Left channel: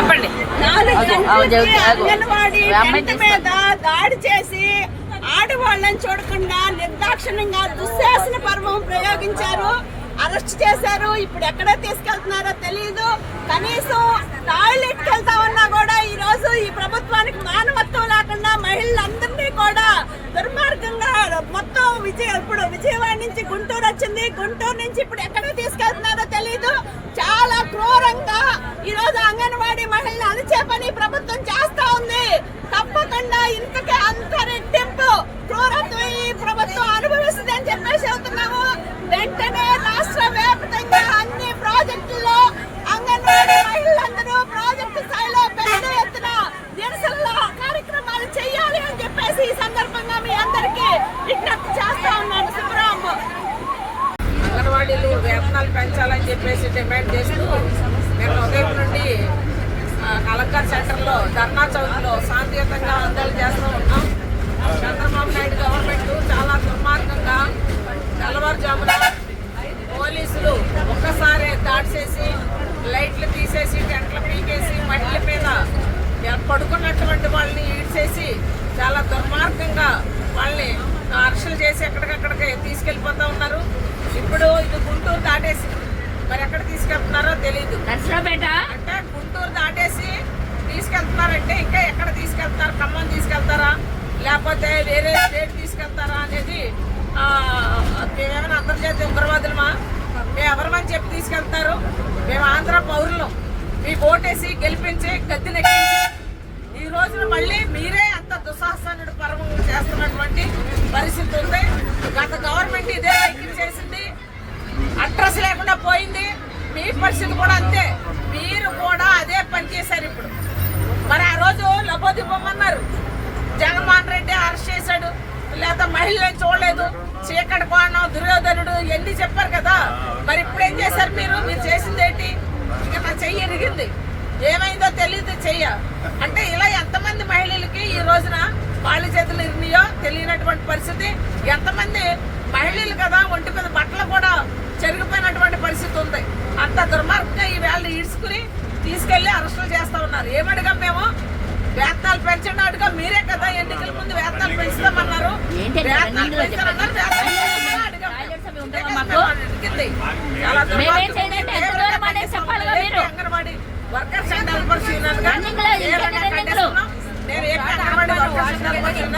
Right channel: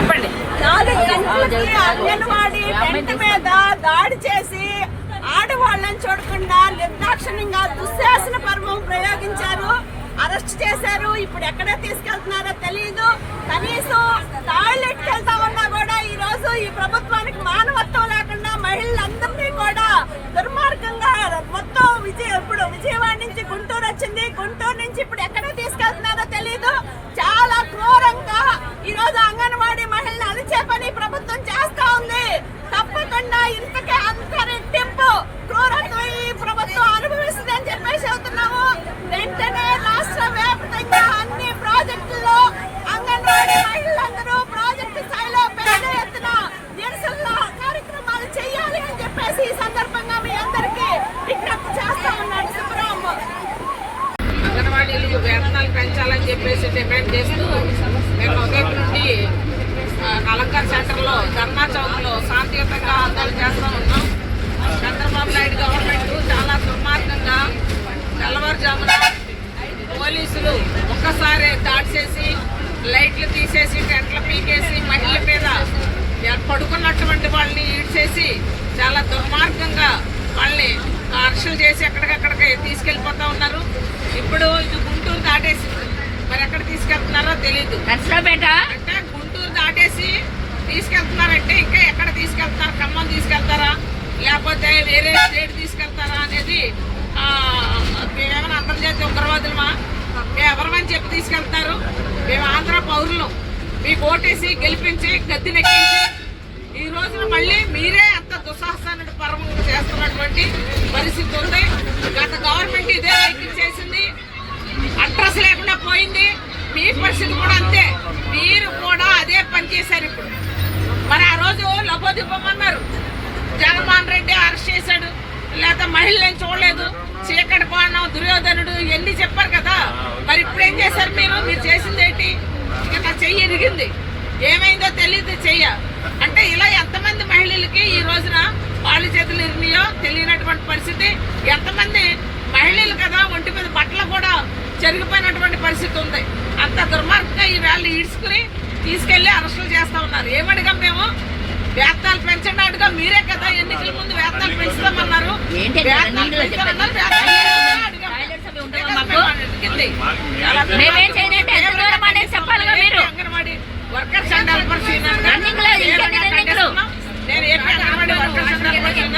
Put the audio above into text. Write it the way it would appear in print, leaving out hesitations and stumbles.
చెప్పండి. 4 గంటలకి అంగన్వాడీ టెంట్ మీద దాడి చేసి ఆడవాళ్ళని చూడకుండా నిర్దాక్షిణ్యంగా దుశ్శాసన పర్వం ప్రయోగించారు, అరెస్ట్ చేశారు. ఇప్పుడు ఎక్కడ తీసుకెళ్తున్నారో తెలియదు. కనీసం టాయిలెట్కి వెళ్తా ఉన్నా కూడా ఈ రోజు ఈ ప్రభుత్వానికి మానవత్వం లేకుండా మహిళలందరినీ కూడా దుర్మార్గంగా మొత్తం ఇప్పుడు విజయవాడ నుంచి గుంటూరు వచ్చింది, గుంటూరు నుంచి ఇప్పుడు ఎక్కడ తీసుకెళ్తున్నారో తెలియదు. చాలా క్రూరంగా ఈ రోజు అంగన్వాడీ మహిళలు అలిచే పని ప్రభుత్వం చేస్తా ఉంది. తప్పకుండా ఇంతకే అంత రెట్టింపు క్రూరత్వం ఈ ప్రభుత్వం అనుభవిస్తుంది అని చెప్పేసి అవుతున్నాము. వెంటనే రాష్ట్ర వ్యాప్తంగా అన్ని ప్రాజెక్టుల్లో అంగన్వాడీ మహిళలందరూ ప్రాజెక్టు స్థాయిలో పెద్ద ఎత్తున నిరసన కార్యక్రమాలు చేయాలి అని చెప్పేసి ఈ సందర్భంగా మీ అందరికీ విజ్ఞప్తి చేస్తా ఉన్నాను. సుబ్రహ్మ అంగన్వాడీలు వేతనాలు పెంచాలని చెప్పేసి డిమాండ్ చేస్తూ మేము ఉదయం నుండి కలెక్టర్ సెంటర్లో ధర్నా చౌక్లో శాంతియుతంగా ఆందోళన చేస్తూ ఉన్నాం. చంద్రబాబు నాయుడు గవర్నమెంట్ చాలా దుర్మార్గంగా తెల్లవారుజామున పోలీసులు ఒక్కసారి దాడి చేసి లైట్లు తీసేసి టెంట్లు పీకేసి మహిళల మీద పడుకున్నటువంటి వాళ్ళని ఈడ్చేసి చాలా దుర్మార్గంగా వాళ్ళని అరెస్టులు చేసి ఎక్కడికక్కడికి తీసుకెళ్ళిపోతూ ఉన్నారు. ఇప్పుడు ఇది గుంటూరు దాటేసి మరి ఎక్కడ తీసుకెళ్తున్నారో తెలీదు. అంటే గుంటూరు దాటేసి తీసుకెళ్తున్నారంటే ఇంకా ఎక్కడ తీసుకెళ్తున్నారు? ఖమ్మం తీసుకెళ్తారా లేకపోతే వేరే స్టేట్ తీసుకెళ్తారా అనేది మేమేమైనా అంతర్జాతీయ ఉగ్రవాదులమా? మేము ఎవరమని చెప్పి తీసుకెళ్తారు? మేము ఆంధ్ర పౌరులు మీకు ఓటేసి గెలిపించి గద్దెనెక్కించి ఈ రోజున మళ్ళీ మీరే అంత దుస్సాహసాన్ని పర్వం చేస్తున్నటువంటి పరిస్థితి ఉంది. గత గవర్నమెంట్ ఇదే వైఖరి చేసింది, అడ్రస్ లేకుండా పోయింది. మీ పరిస్థితి కూడా అంతే, మీరు కూడా అదే పని చేశారు. ఇప్పుడు మరి ఆ రోజు లబోదిబ్బమన్నారు, జగన్మోహన్ రెడ్డి అరెస్ట్ చేశాడు, లేదా మహిళలను చూడలేదు, చీకటి కోణం, దుర్యోధనుడు ఇవన్నీ చెప్పారు కదా. మరి ఇప్పుడు ఏం చేశారు? మీరు చేసింది ఏంటి? ఇంకా చెయ్యి ఎరిగింది, ఏమైందో తెలియదు చెయ్య. అంటే ఇలా ఎంతమంది మహిళలకి ఈ రోజున వాళ్ళ చేతులు ఇరిమియో తెలియనటువంటి పరిస్థితి. ఎంతమంది మహిళలు కదా ఒంటి మీద బట్టలు కూడా చెరిగిపోయినటువంటి పరిస్థితి ఉంది. అంత దుర్మార్గంగా ఈ వేళ ఈడ్చుకుని తీసుకెళ్లి అరెస్టులు చేస్తా ఉన్నారు. ఏమడిగా మేము వేతనాలు పెంచండి అడుగా, మీరే కదా ఎన్నికల ముందు వేతనాలు పెంచుతామన్నారు. అంగన్వాడీ వర్కర్స్ అండ్ హెల్పర్స్ నేను AP anganwadi workers and helpers